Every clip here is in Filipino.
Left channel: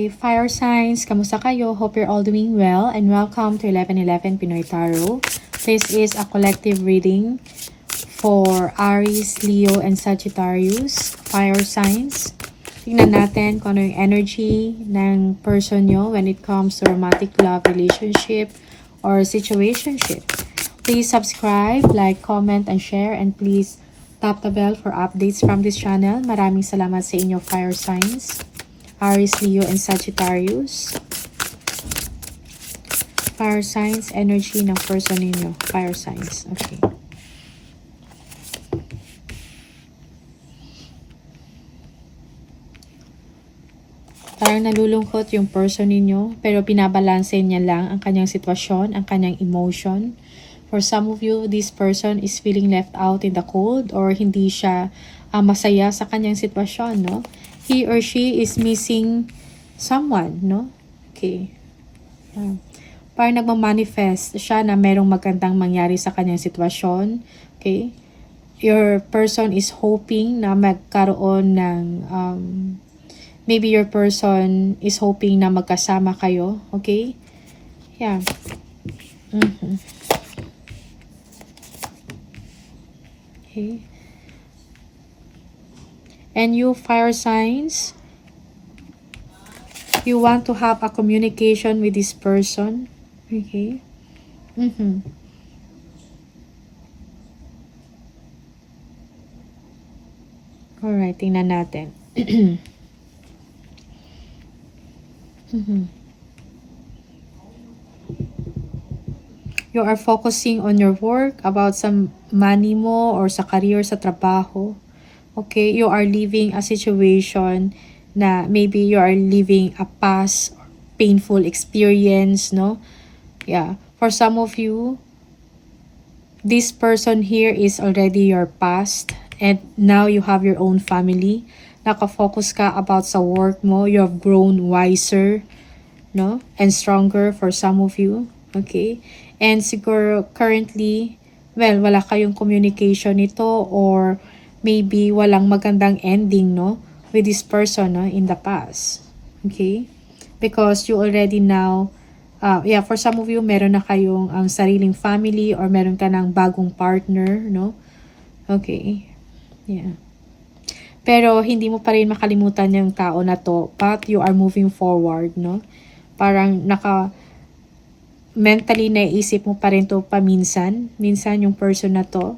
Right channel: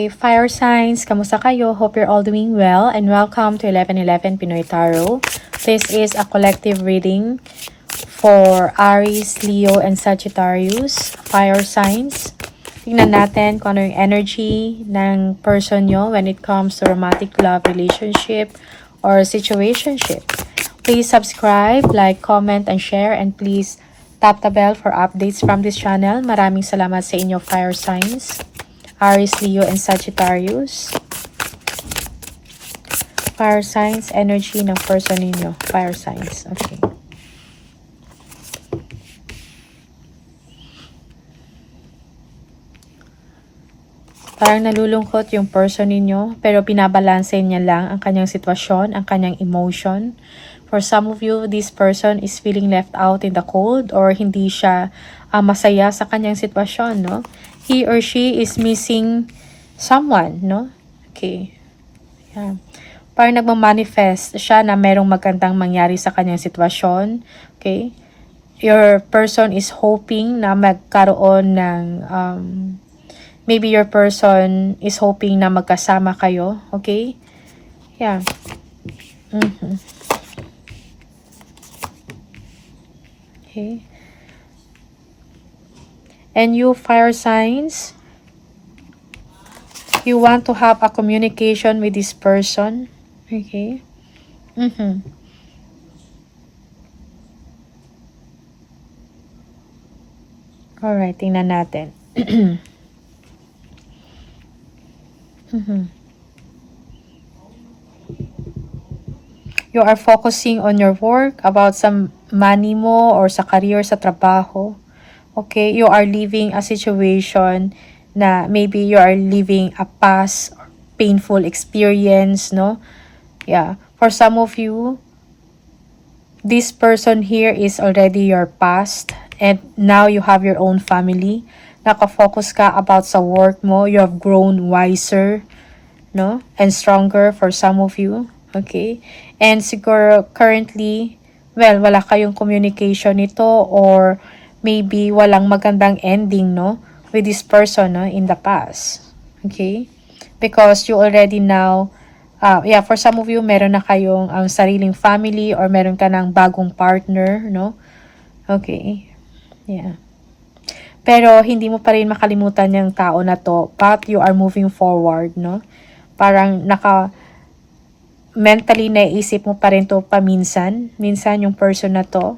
Okay, fire signs, kamusta kayo? Hope you're all doing well and welcome to 1111 Pinoy Tarot. This is a collective reading for Aries, Leo, and Sagittarius, fire signs. Tingnan natin kung ano yung energy ng person nyo when it comes to romantic love, relationship, or situationship. Please subscribe, like, comment, and share, and please tap the bell for updates from this channel. Maraming salamat sa inyo, fire signs. Aries, Leo, and Sagittarius. Fire signs, energy ng person ninyo. Fire signs. Okay. Parang nalulungkot yung person ninyo, pero binabalanse niya lang ang kanyang sitwasyon, ang kanyang emotion. For some of you, this person is feeling left out in the cold or hindi siya masaya sa kanyang sitwasyon, no? He or she is missing someone, no? Okay. Yan. Parang nagmamanifest siya na merong magandang mangyari sa kanyang sitwasyon. Okay. Your person is hoping na magkaroon ng, maybe your person is hoping na magkasama kayo. Okay. Yeah. Okay. And you, fire signs, you want to have a communication with this person. Okay. Alright, tingnan natin. You are focusing on your work, about some money mo, or sa career, sa trabaho. Okay, you are living a situation na maybe you are living a past painful experience, no? Yeah, for some of you, this person here is already your past and now you have your own family. Nakafocus ka about sa work mo, you have grown wiser, no? And stronger for some of you, okay? And siguro currently, well, wala kayong communication nito or maybe walang magandang ending, no, with this person, no, in the past. Okay? Because you already now, yeah, for some of you, meron na kayong ang sariling family or meron ka ng bagong partner, no? Okay. Yeah. Pero hindi mo pa rin makalimutan yung tao na to, but you are moving forward, no? Parang mentally naisip mo pa rin to paminsan, minsan yung person na to.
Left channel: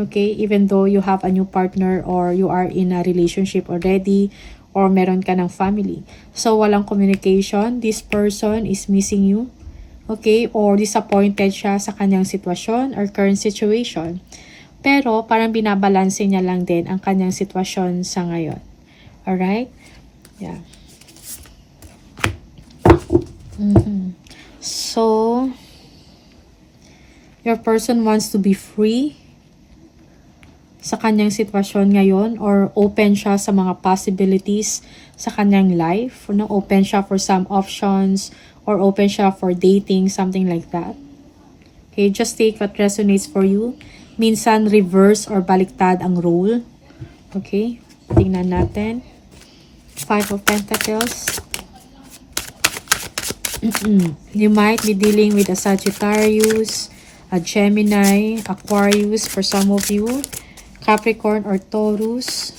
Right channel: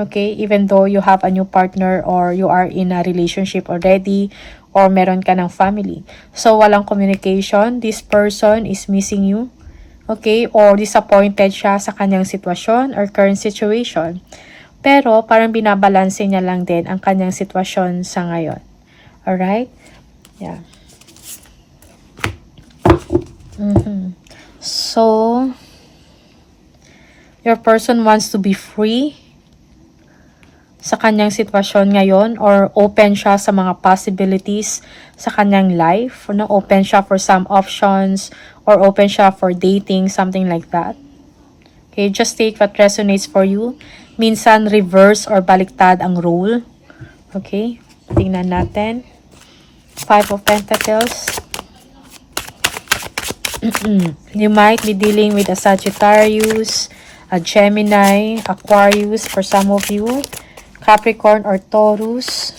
Okay, even though you have a new partner or you are in a relationship already or meron ka ng family. So, walang communication. This person is missing you. Okay, or disappointed siya sa kanyang sitwasyon or current situation. Pero, parang binabalanse niya lang din ang kanyang sitwasyon sa ngayon. Alright? Yeah. So, your person wants to be free sa kanyang sitwasyon ngayon or open siya sa mga possibilities sa kanyang life, no? Open siya for some options or open siya for dating, something like that. Okay, just take what resonates for you. Minsan reverse or baliktad ang role. Okay, tingnan natin. 5 of Pentacles. You might be dealing with a Sagittarius, a Gemini, Aquarius for some of you. Capricorn or Taurus.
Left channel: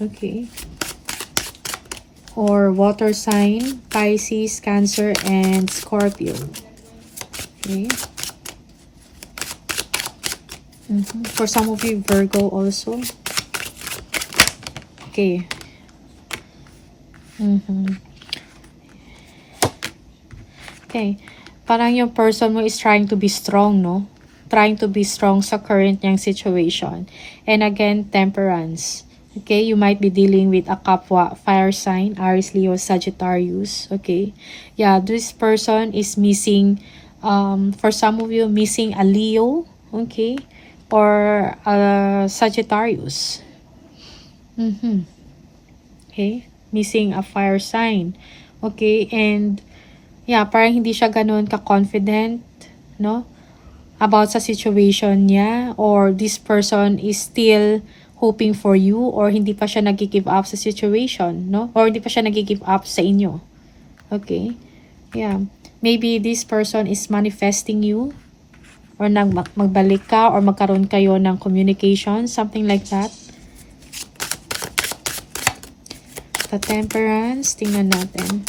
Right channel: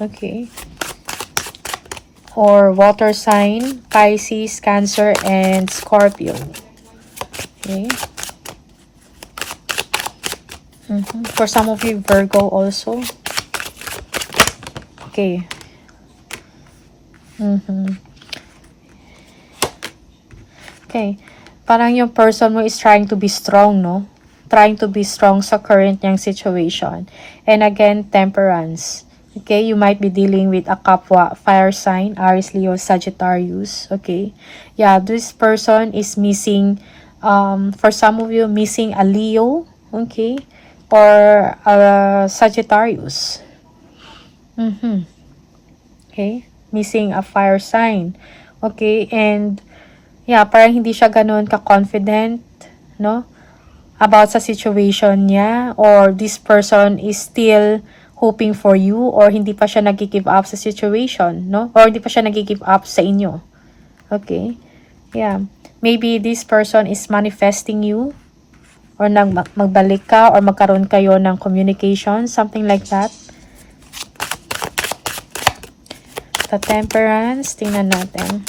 Okay. Or water sign, Pisces, Cancer, and Scorpio. Okay. For some of you, Virgo also. Okay. Okay. Parang yung person mo is trying to be strong, no? Trying to be strong sa current niyang situation. And again, temperance. Okay, you might be dealing with a kapwa fire sign, Aries, Leo, Sagittarius. Okay, yeah, this person is missing, for some of you, missing a Leo, okay, or a Sagittarius. Okay, missing a fire sign. Okay, and yeah, parang hindi siya ganun ka-confident, no? About sa situation niya, or this person is still hoping for you, or hindi pa siya nag-give up sa situation, no? Or hindi pa siya nag-give up sa inyo. Okay? Yeah. Maybe this person is manifesting you, or magbalik ka, or magkaroon kayo ng communication, something like that. The Temperance, tingnan natin.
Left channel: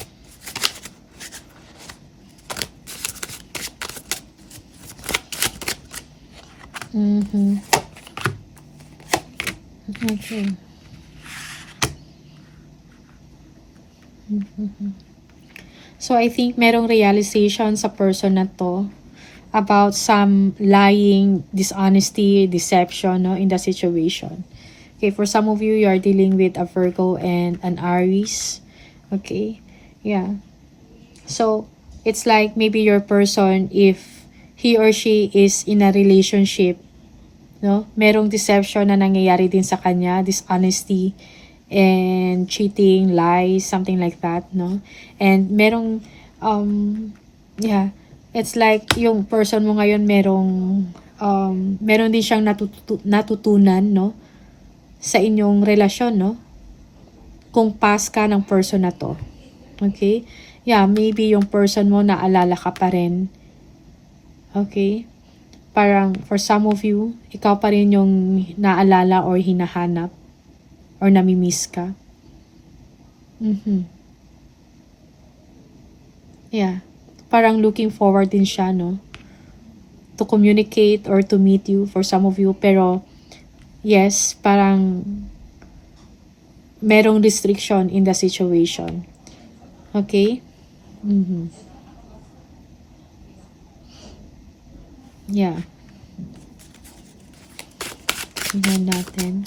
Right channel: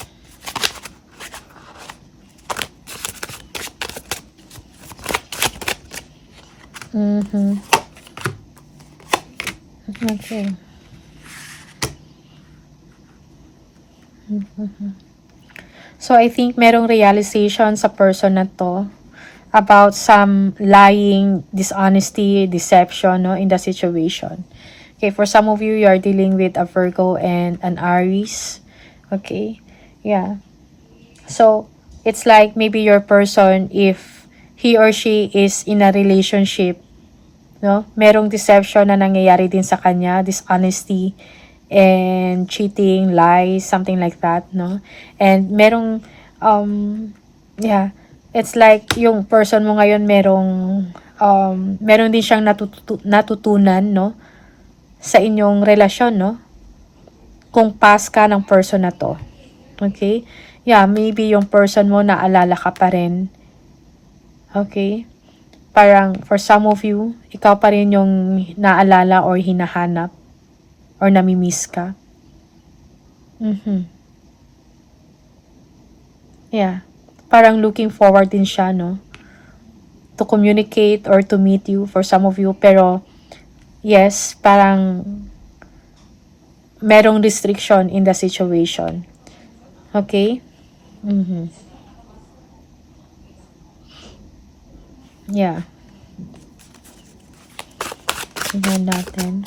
Okay. So, I think merong realization sa person na to about some lying, dishonesty, deception, no, in the situation. Okay, for some of you, you are dealing with a Virgo and an Aries. Okay, yeah. So, it's like maybe your person, if he or she is in a relationship, no, merong deception na nangyayari din sa kanya, dishonesty, and cheating, lies, something like that, no? And merong, yeah, it's like yung person mo ngayon meron din siyang natutunan, no? Sa inyong relasyon, no? Kung pass ka ng person na to. Okay? Yeah, maybe yung person mo naalala ka pa rin. Okay? Parang for some of you, ikaw pa rin yung naalala or hinahanap or namimiss ka. Yeah. Parang looking forward din siya, no? To communicate or to meet you for some of you. Pero, yes, parang merong restriction in the situation. Okay? Yeah. Tingnan natin.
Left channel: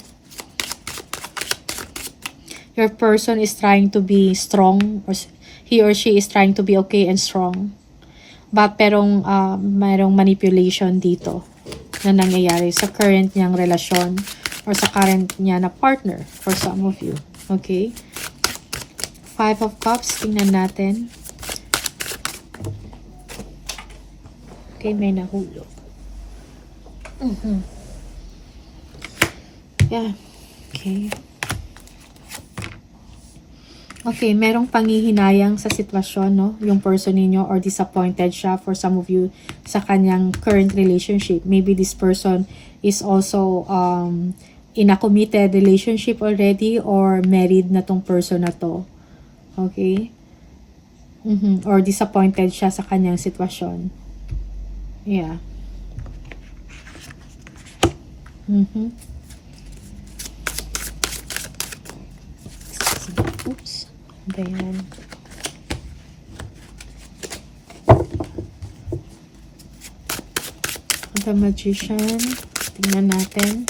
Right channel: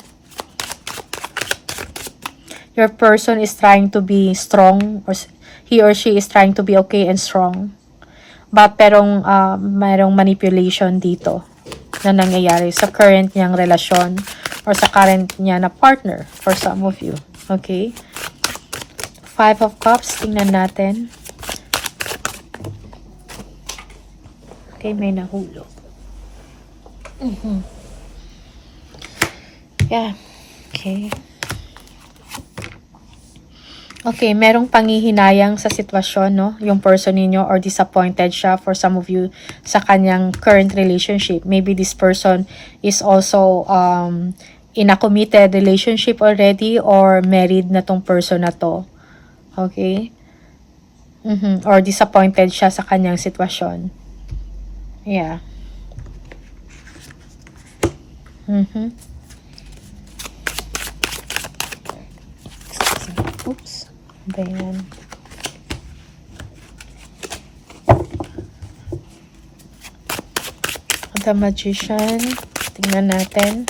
Your person is trying to be strong, or he or she is trying to be okay and strong. But mayroong manipulation dito na nangyayari sa current niyang relasyon or sa current niya na partner for some of you. Okay? 5 of Cups, tingnan natin. Okay, may nahulog. Yeah. Okay. Okay, merong panghihinayang sa sitwasyon, no? Yung person ninyo, or disappointed siya for some of you sa kanyang current relationship. Maybe this person is also in a committed relationship already, or married na tong person na to. Okay? Or disappointed siya sa kanyang sitwasyon. Yeah. Oops. Ganyan. The Magician. Tingnan natin.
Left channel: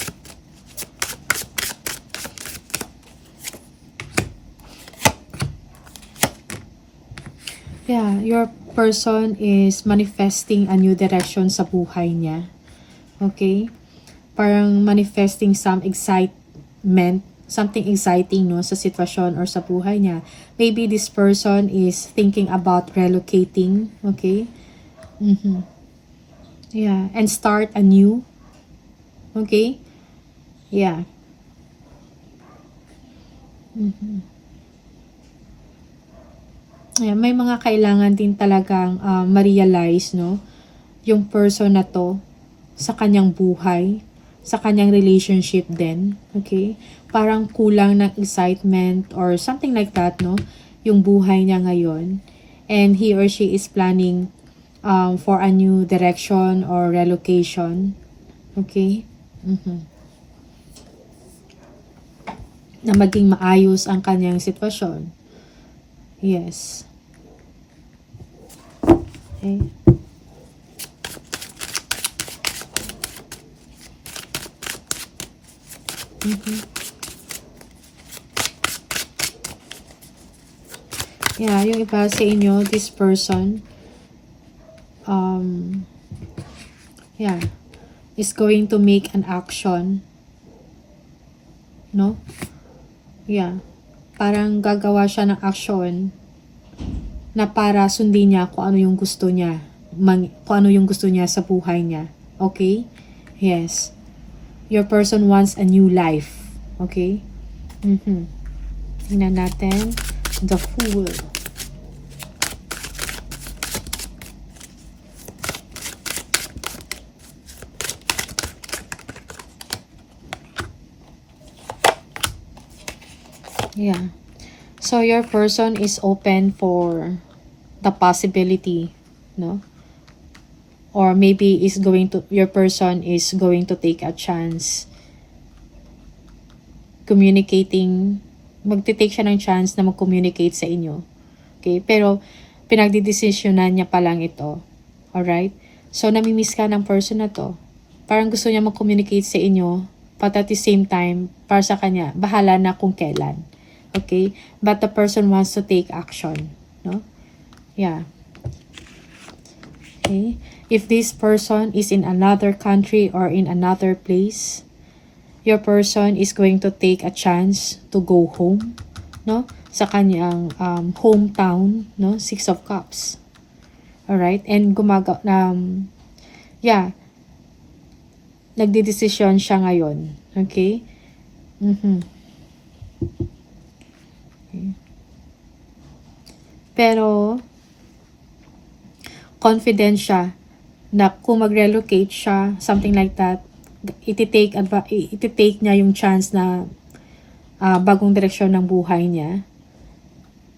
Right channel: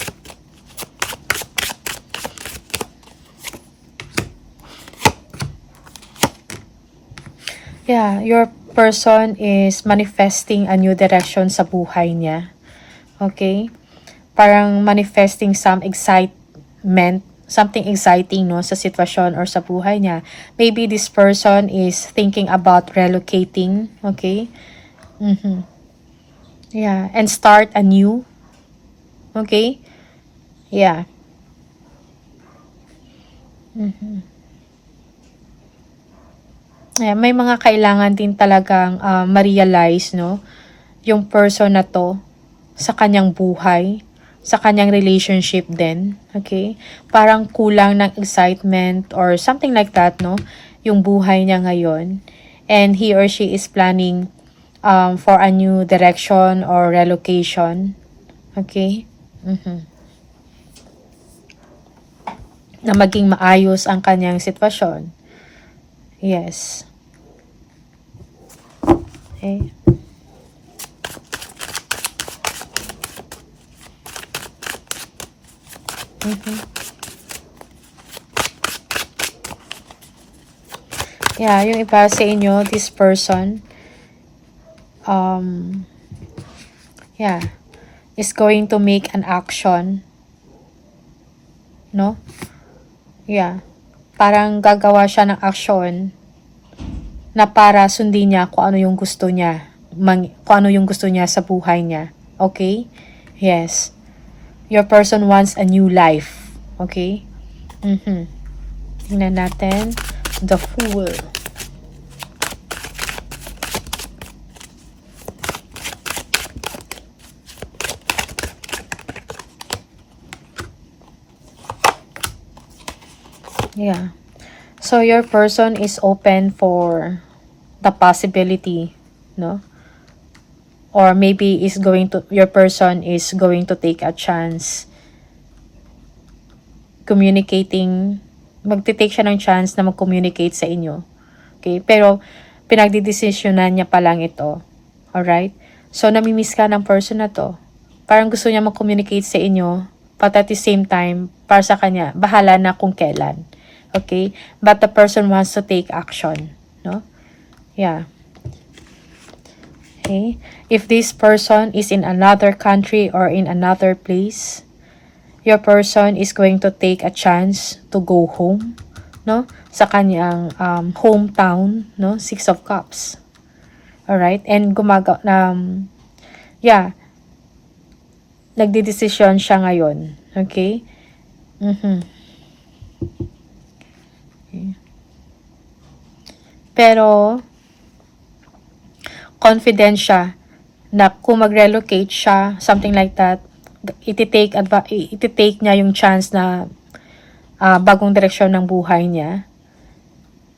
Yeah, your person is manifesting a new direction sa buhay niya. Okay? Parang manifesting some excitement, something exciting, no, sa sitwasyon or sa buhay niya. Maybe this person is thinking about relocating, okay? Yeah, and start anew. Okay? Yeah. Yeah, may mga kailangan din talagang ma-realize, no, yung person na to sa kanyang buhay, sa kanyang relationship din. Okay? Parang kulang ng excitement or something like that, no? Yung buhay niya ngayon. And he or she is planning for a new direction or relocation. Okay? Na maging maayos ang kanyang sitwasyon. Yes. Okay. Yeah, yung iba sa inyo, this person, yeah, is going to make an action, no? Yeah, parang gagawa siya ng action na para sundin niya kung ano yung gusto niya, kung ano yung gusto niya sa buhay niya. Okay? Yes. Your person wants a new life. Okay? Tingnan natin. The Fool. Yeah. So, your person is open for the possibility, no? Or maybe your person is going to take a chance magte-take siya ng chance na mag-communicate sa inyo. Okay? Pero, pinagdidesisyonan niya pa lang ito. Alright? So, namimiss ka ng person na to. Parang gusto niya mag-communicate sa inyo, but at the same time, para sa kanya, bahala na kung kailan. Okay? But the person wants to take action. No? Yeah. Okay? If this person is in another country or in another place, your person is going to take a chance to go home, no? Sa kanyang hometown, no? 6 of Cups. Alright? And nagdidesisyon siya ngayon. Okay? Pero, confident siya na kung mag-relocate siya, something like that, iti-take niya yung chance na bagong direksyon ng buhay niya.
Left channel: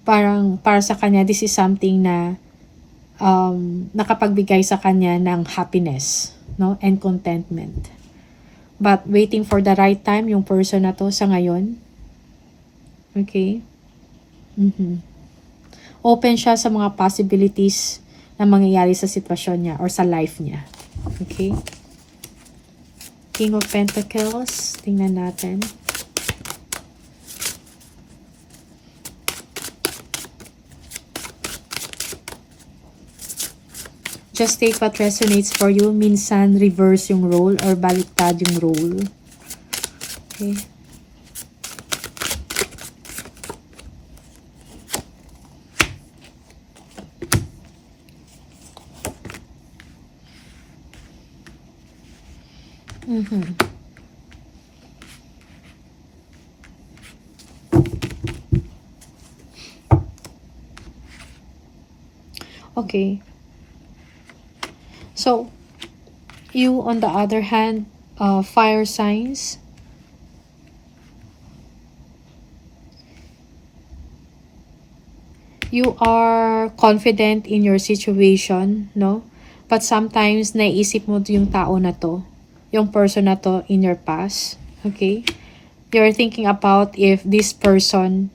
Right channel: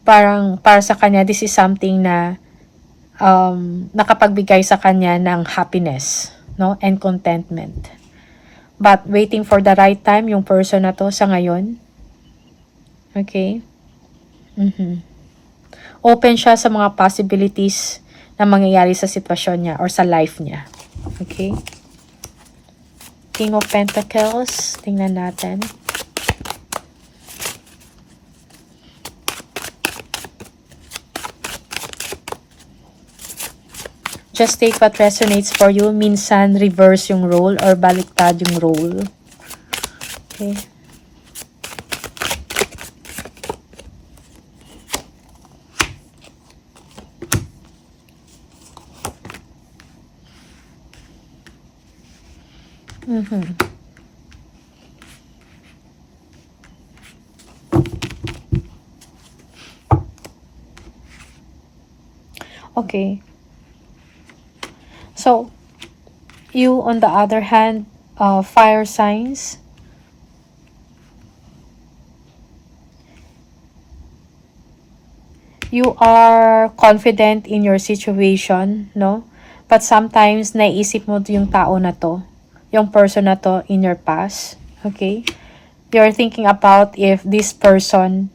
Parang, para sa kanya, this is something na nakapagbigay sa kanya ng happiness, no? And contentment. But, waiting for the right time, yung person na to sa ngayon. Okay? Open siya sa mga possibilities na mangyayari sa sitwasyon niya or sa life niya. Okay? King of Pentacles. Tingnan natin. Just take what resonates for you. Minsan, reverse yung role or baliktad yung role. Okay. Okay. So, you on the other hand, fire signs, you are confident in your situation, no? But sometimes, naiisip mo yung tao na to, yung person na to in your past, okay? You're thinking about if this person,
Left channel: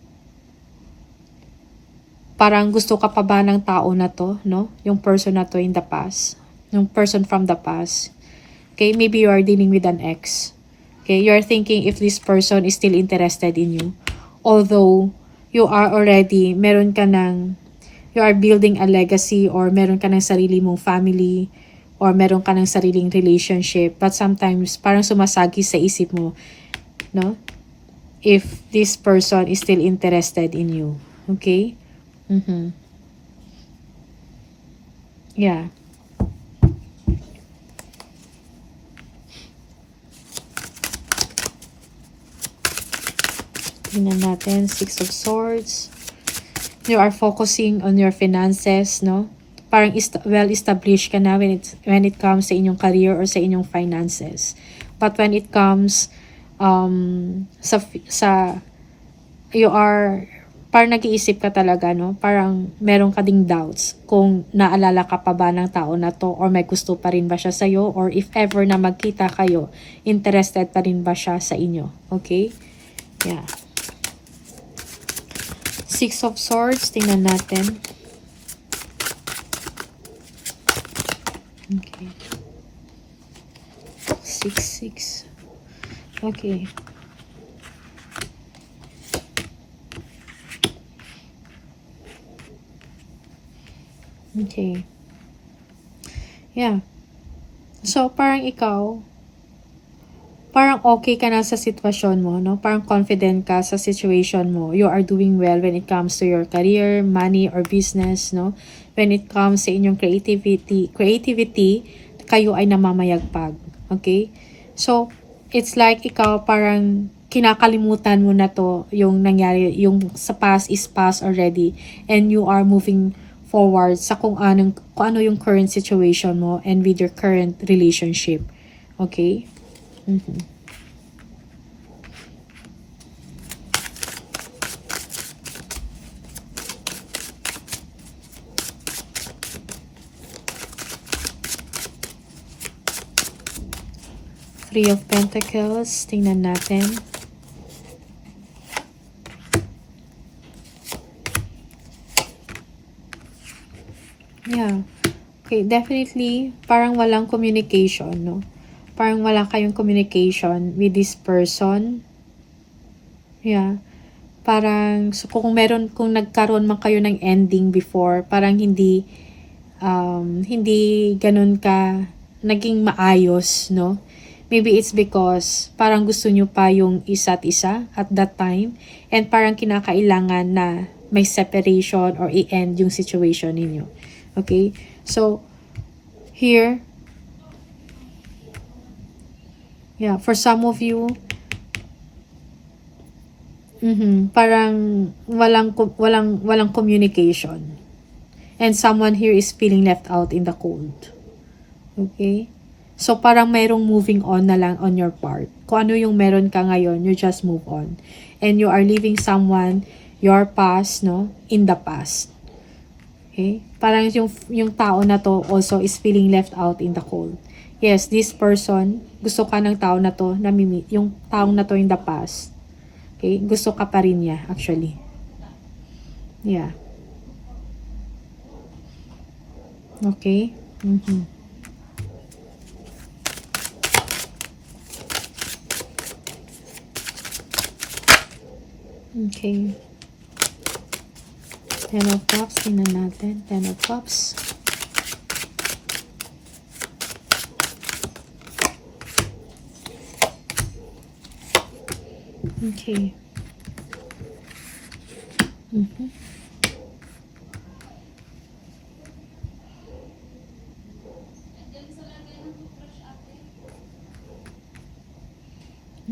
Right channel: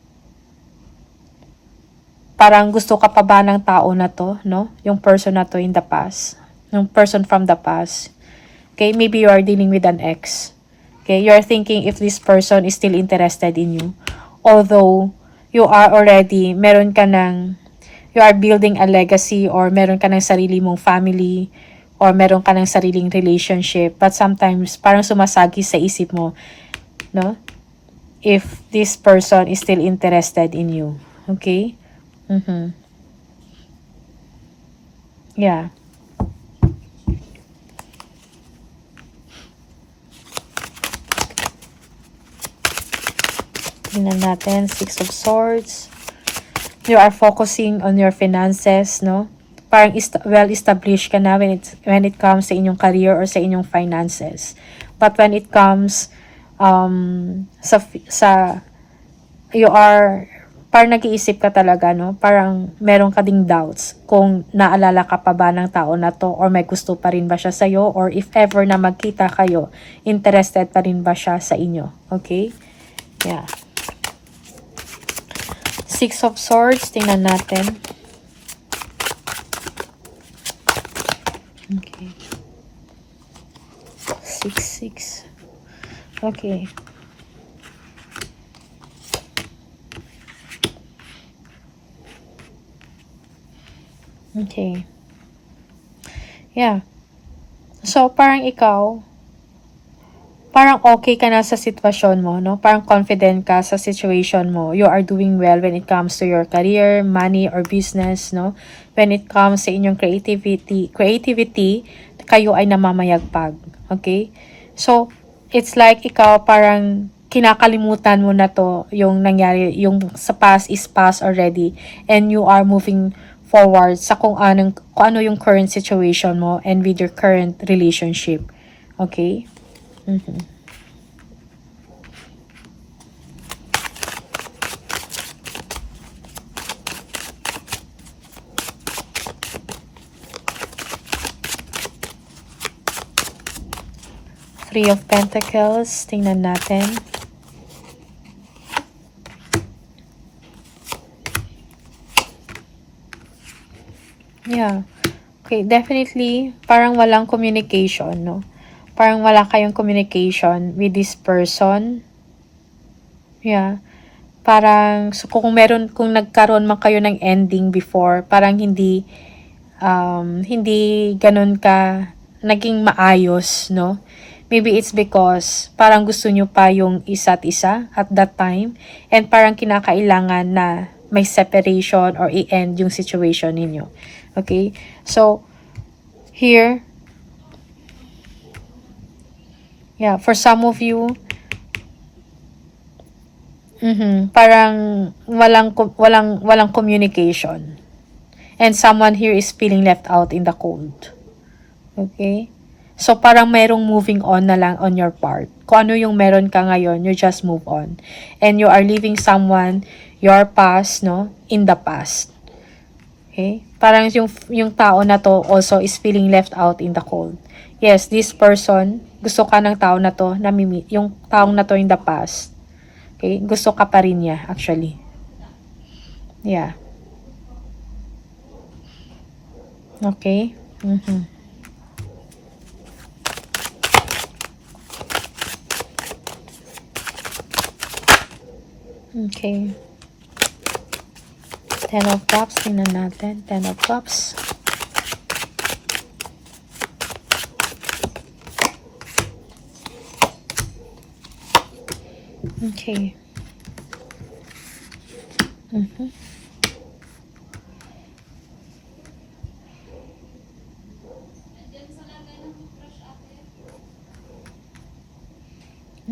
parang gusto ka pa ba ng tao na to, no? Yung person na to in the past, yung person from the past. Okay, maybe you are dealing with an ex. Okay, you are thinking if this person is still interested in you. Although, you are already, you are building a legacy or meron ka ng sarili mong family or meron ka ng sariling relationship. But sometimes, parang sumasagi sa isip mo, no? If this person is still interested in you. Okay? Yeah. Tingnan natin, 6 of Swords. You are focusing on your finances, no? Parang well-established ka na when it comes sa inyong career or sa inyong finances. But when it comes parang nag-iisip ka talaga, no? Parang meron ka ding doubts kung naalala ka pa ba ng tao na to or may gusto pa rin ba siya sa'yo or if ever na magkita kayo, interested pa rin ba siya sa inyo. Okay? Yeah. 6 of Swords, tingnan natin. Okay. 6. Okay. Okay. Yeah. So, parang ikaw, parang okay ka na sa sitwasyon mo, no? Parang confident ka sa situation mo. You are doing well when it comes to your career, money, or business, no? When it comes sa inyong creativity, kayo ay namamayagpag. Okay? So, it's like ikaw parang kinakalimutan mo na to, yung nangyari, yung sa past is past already, and you are moving forward sa kung ano yung current situation mo and with your current relationship. Okay? Three of Pentacles. Tingnan natin. Yeah. Okay, definitely, parang walang communication, no? Parang wala kayong communication with this person. Yeah. Parang, so kung nagkaroon man kayo ng ending before, parang hindi ganun ka naging maayos, no? Maybe it's because parang gusto nyo pa yung isa't isa at that time, and parang kinakailangan na may separation or i-end yung situation ninyo. Okay? So, here, yeah, for some of you, parang walang communication. And someone here is feeling left out in the cold. Okay? So, parang mayroong moving on na lang on your part. Kung ano yung meron ka ngayon, you just move on. And you are leaving someone, your past, no, in the past. Okay? Parang yung tao na to also is feeling left out in the cold. Yes, this person, gusto ka ng tao na to, yung taong na to in the past. Okay? Gusto ka pa rin niya, actually. Yeah. Okay? Okay. 10 of Cups. Tingnan natin. 10 of Cups. Okay.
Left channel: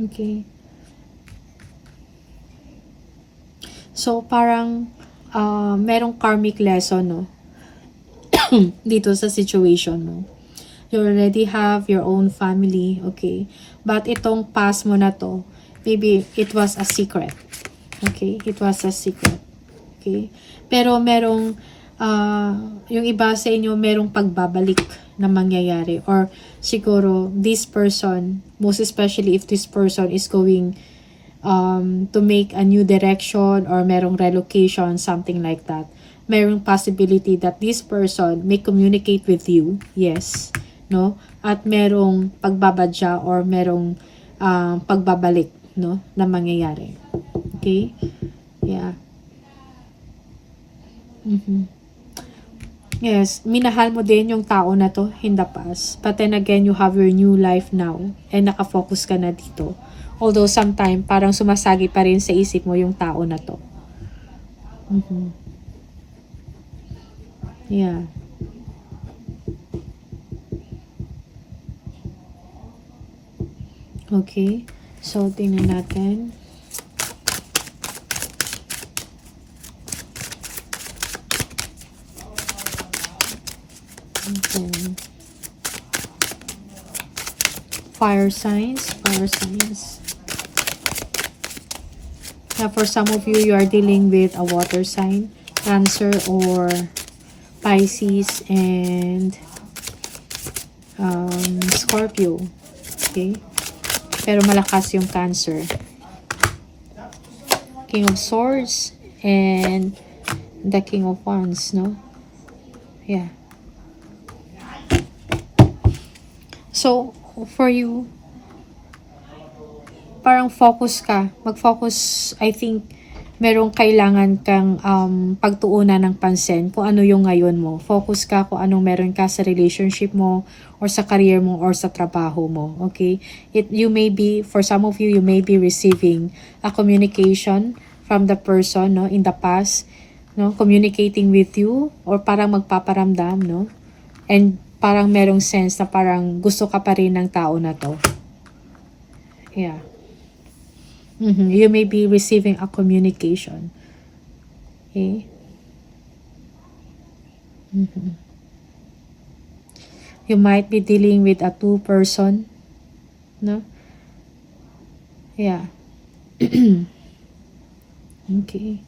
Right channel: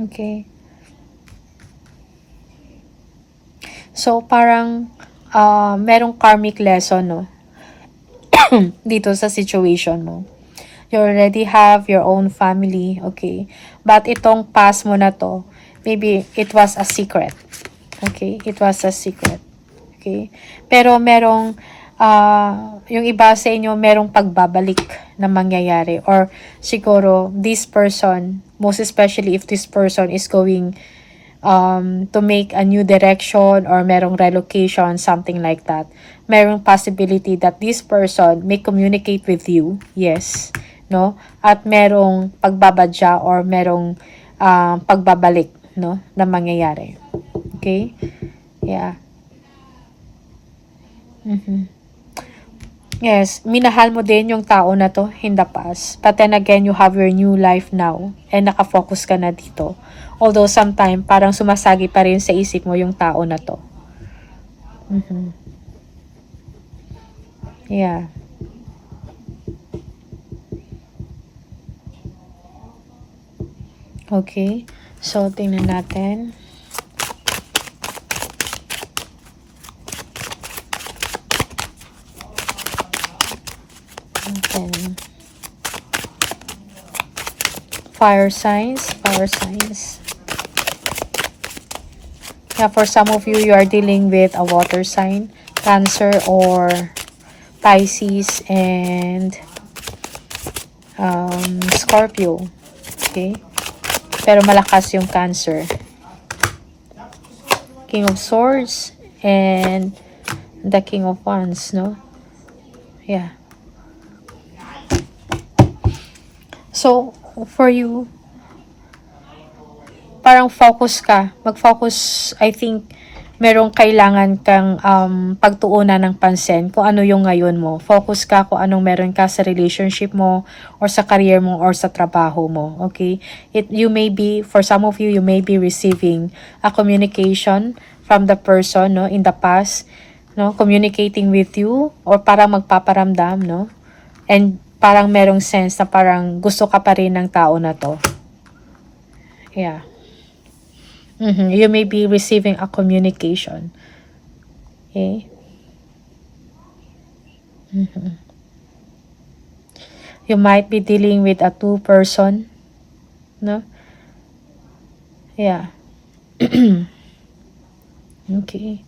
Okay. So, parang merong karmic lesson, no? Dito sa situation mo. You already have your own family, okay? But itong past mo na to, maybe it was a secret. Okay? It was a secret. Okay? Pero merong, yung iba sa inyo, merong pagbabalik na mangyayari. Or siguro, this person, most especially if this person is going to make a new direction or merong relocation, something like that. Merong possibility that this person may communicate with you, yes, no? At merong pagbabadya or merong pagbabalik, no, na mangyayari. Okay? Yeah. Yes, minahal mo din yung tao na to in the past. But then again, you have your new life now and nakafocus ka na dito. Although sometime, parang sumasagi pa rin sa isip mo yung tao na to. Yeah. Okay. So, tingnan natin. Okay. Fire signs. Yeah, for some of you, you are dealing with a water sign, Cancer or Pisces, and Scorpio. Okay? Pero malakas yung Cancer. King of Swords and the King of Wands, no? Yeah. So, for you, parang focus ka. Mag-focus, I think, merong kailangan kang pagtuunan ng pansin kung ano yung ngayon mo. Focus ka kung anong meron ka sa relationship mo or sa career mo or sa trabaho mo. Okay? You may be, for some of you, you may be receiving a communication from the person, no, in the past, no, communicating with you or parang magpaparamdam, no? And parang merong sense na parang gusto ka pa rin ng tao na to. Yeah. You may be receiving a communication. Okay? You might be dealing with a two-person, no? Yeah. Okay.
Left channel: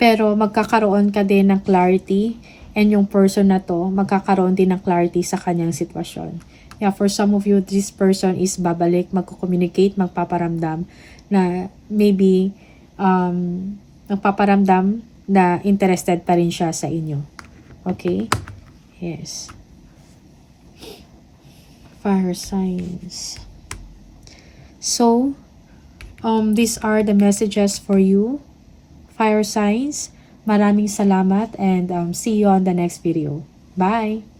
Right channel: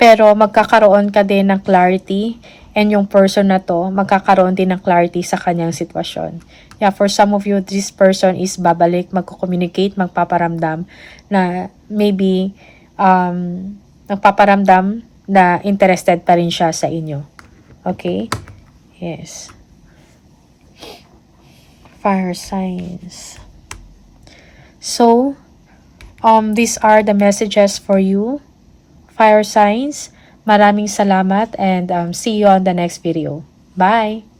Pero magkakaroon ka din ng clarity, and yung person na to, magkakaroon din ng clarity sa kanyang sitwasyon. Yeah, for some of you, this person is babalik, magko-communicate, magpaparamdam na maybe nagpaparamdam na interested pa rin siya sa inyo. Okay? Yes. Fire signs. So, these are the messages for you, fire signs. Maraming salamat, and see you on the next video. Bye!